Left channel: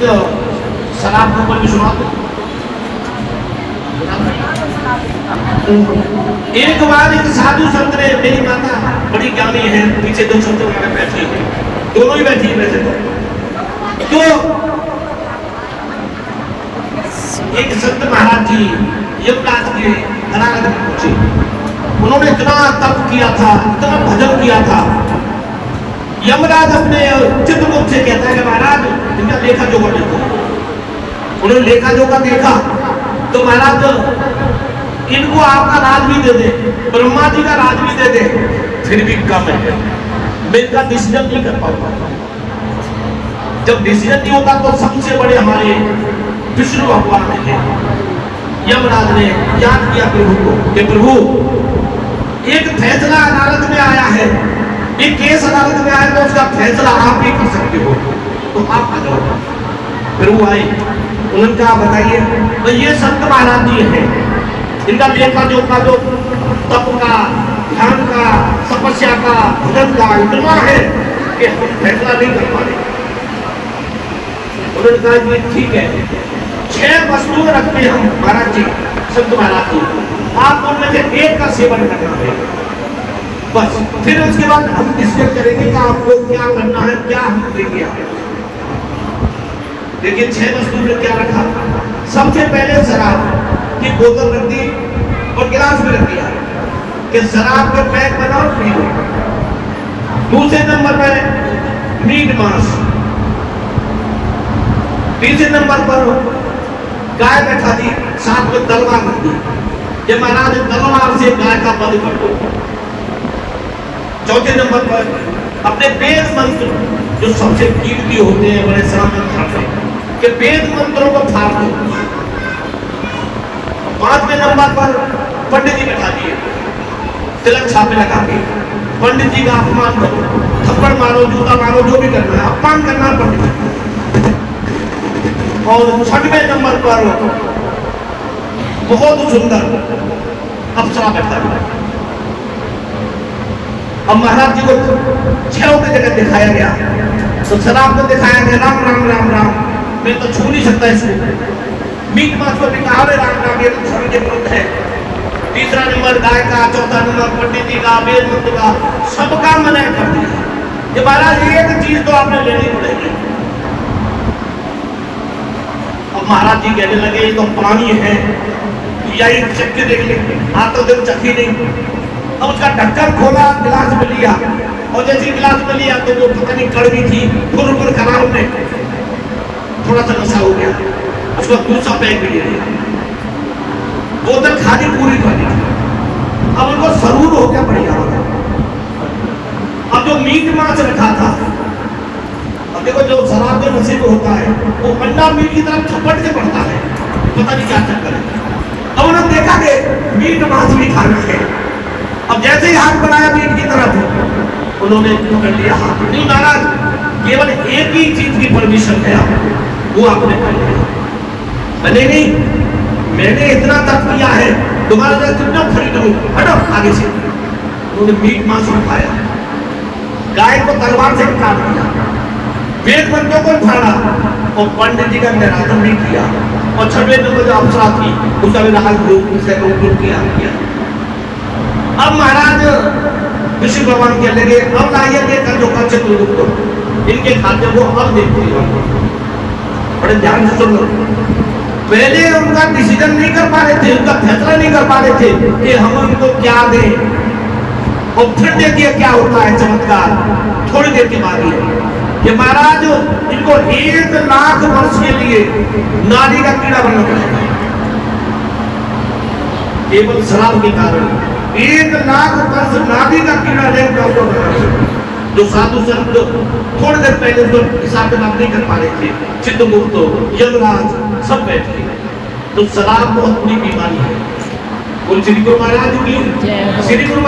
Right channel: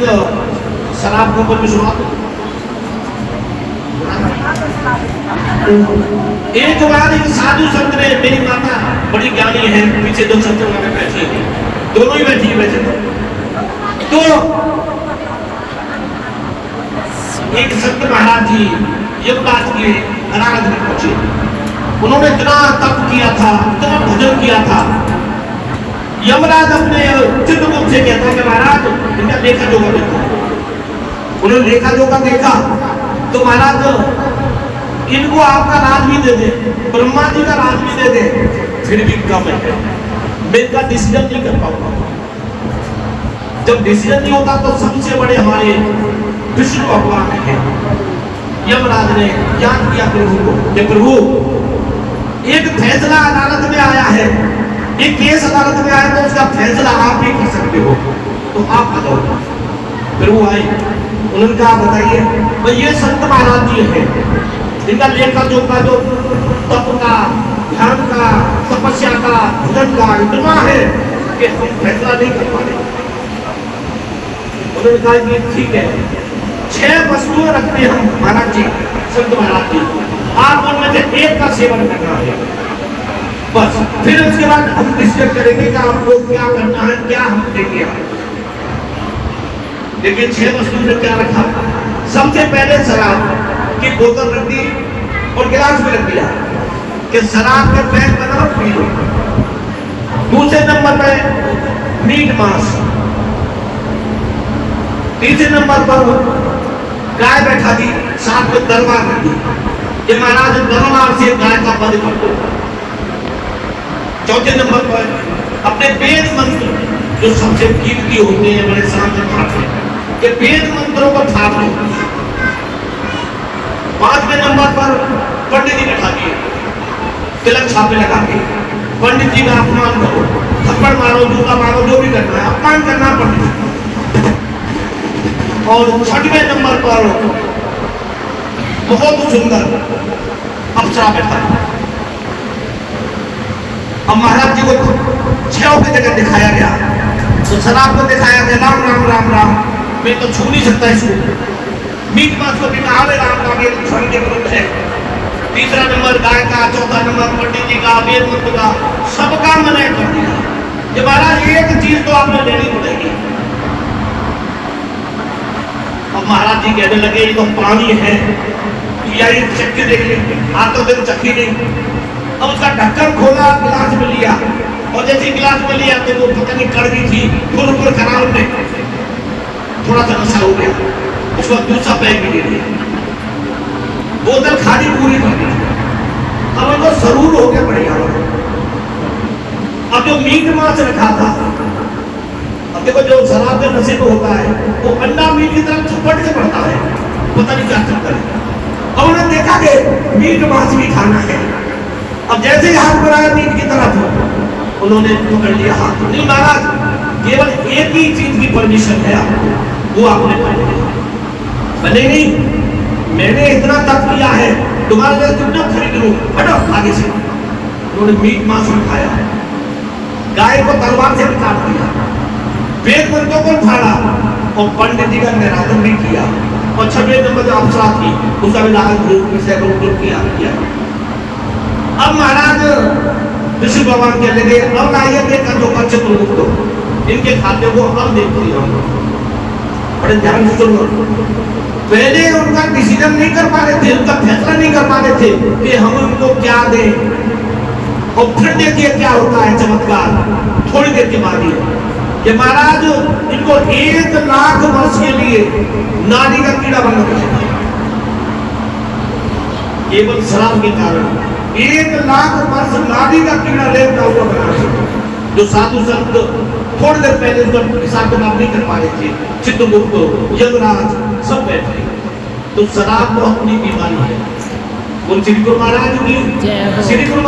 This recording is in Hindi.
प्रसंग शराब के ऊपर भी सुना दो। एक बार एक साधु संत ने, मेरी माता बड़ी ज्ञानी है, पीछे दो संत वगैरह बैठी है, दोनों ही बैठी वैसे तो एक संत महाराज जी यमराज के अनाथ में पहुंचे। उन्होंने इतना तप किया था, इतना भजन किया था। यमराज अपने चित्रगुप्त से कहता है कि महाराज इनका लेखा जोखा देखो। उन्होंने लेखा जोखा देखा तो महाराज इनको आपका राज भी दे दे, ब्रह्मा जी का राज भी दे दे, फिर भी कम है, मैं इनका डिसीजन नहीं कर पाऊंगा। जब डिसीजन नहीं होता तो सबसे बड़े हमारे विष्णु भगवान है। यमराज ने याद किया प्रभु को कि प्रभु एक फैसला अदालत में आया है, एक केस अदालत में आया तो उसका फैसला आप ही कर सकते हो, तो आप आ जाओ। फिर वो आई, उन्होंने कहा बताइए, तो ये संत महाराज जी है, इनका लेखा जोखा जो तप का, ध्यान का, तपस्या का, भजन का इतना है कि हम फैसला नहीं कर पा रहे। उन्होंने कहा कि ठीक है, 6 वस्तुएं रखते हैं हम महाराज जी, संत महाराज जी, आप उनमें से एक का सेवन करना है बस। फिर उसके बाद हम डिस्कस करेंगे कि आपको क्या करना है, क्या हम देंगे। लेकिन 6 वस्तु में क्या रखा? सबसे पहले शराब की बोतल रख दी और गिलास भी रख दिया कि शराब के पैक बनाओ पी लो। दूसरे नंबर पर मीट मांस, तीसरे नंबर पर गाय बैठा दी, साथ में तलवार रख दी कि महाराज तलवार से गाय का वध कर दो। चौथे नंबर पर अपने वेद मंत्र जो सबसे कीमती होते हैं, बड़े शानदार खाते हैं, कि वेद मंत्रों को फाड़ लो। 5वें नंबर पर पंडित जी बैठा दिए, तिलक छापे लगा के पंडित जी का अपमान करो, थप्पड़ मारो, जूता मारो, जो भी करना है, अपमान करना पंडित जी। और 6वें नंबर पर बहुत सुंदर अप्सरा बैठा। अब महाराज जी को 6 की जगह दिखाया गया, तो शराब को दिखाया गया राम राम राम राम, मैं तो छू नहीं सकता इसको। मीट मांस को भी कहा राम राम, ये तो धर्म के विरुद्ध है। तीसरा नंबर गाय का, चौथा नंबर पंडित जी का, वेद मंत्र का, सबका मना कर दिया कि महाराज एक चीज तो आपने लेनी पड़ेगी। अब महाराज जी कहने लगे ये तो पानी है, या ये चख के देख लेंगे, आप तो दिन चखी नहीं। अब उसका ढक्कन खोला, गिलास में लिया, और जैसे गिलास में लिया तो वो पता नहीं कड़वी थी, फुर खराब में थोड़ा सा नशा हो गया, उसका दूसरा पैक भी ले लिया, बोतल खाली पूरी कर दी। अब उनको जरूर हो गया बढ़िया। अब जो मीट मांस रखा था, अब देखो जो शराब के नशे में होता है वो अंडा मीट की तरफ झपट से पड़ता है, पता नहीं क्या चक्कर है। अब उन्होंने देखा कि मीट मांस भी खाना है, और जैसे ही हाथ बढ़ाया मीट की तरफ, उन्होंने पकड़ लिया हाथ। नहीं महाराज, केवल एक ही चीज की परमिशन है, वो आपने कर लिया। मैंने नहीं, मैंने इतना तप किया है, तुम्हारे जैसे कितना खरीद लूं, हटो आगे से। उन्होंने मीट मांस भी खाया, गाय को तलवार से काट दिया, वेद मंत्रों को फाड़ा, और पंडित जी का निरादन भी किया, और 6वें नंबर जो अप्सरा थी उसका भी लाल रूप से किया। अब महाराज विष्णु भगवान कहने लगे, अब लाइए देखा जो कच्चे चित्रगुप्त, इनके खाते को अब देखिए। बड़े ध्यान से सुनो, पहले उनका डिसीजन नहीं कर पा रहे थे, उनका फैसला नहीं कर पा रहे थे कि हम उनको क्या दें, और फिर देखिए क्या होता है चमत्कार। थोड़ी देर के बाद कि महाराज इनको 1 लाख वर्ष के लिए नारी का कीड़ा बन गया, केवल शराब के कारण 1 लाख वर्ष नारी का कीड़ा लेकर हुआ। जो साधु संत थोड़ी देर पहले उसको हिसाब किताब नहीं कर पा रहे थे, चित्रगुप्त, यमराज सब बैठे। तो शराब बहुत बड़ी बीमारी है। बोल श्री गुरु महाराज की, श्री गुरु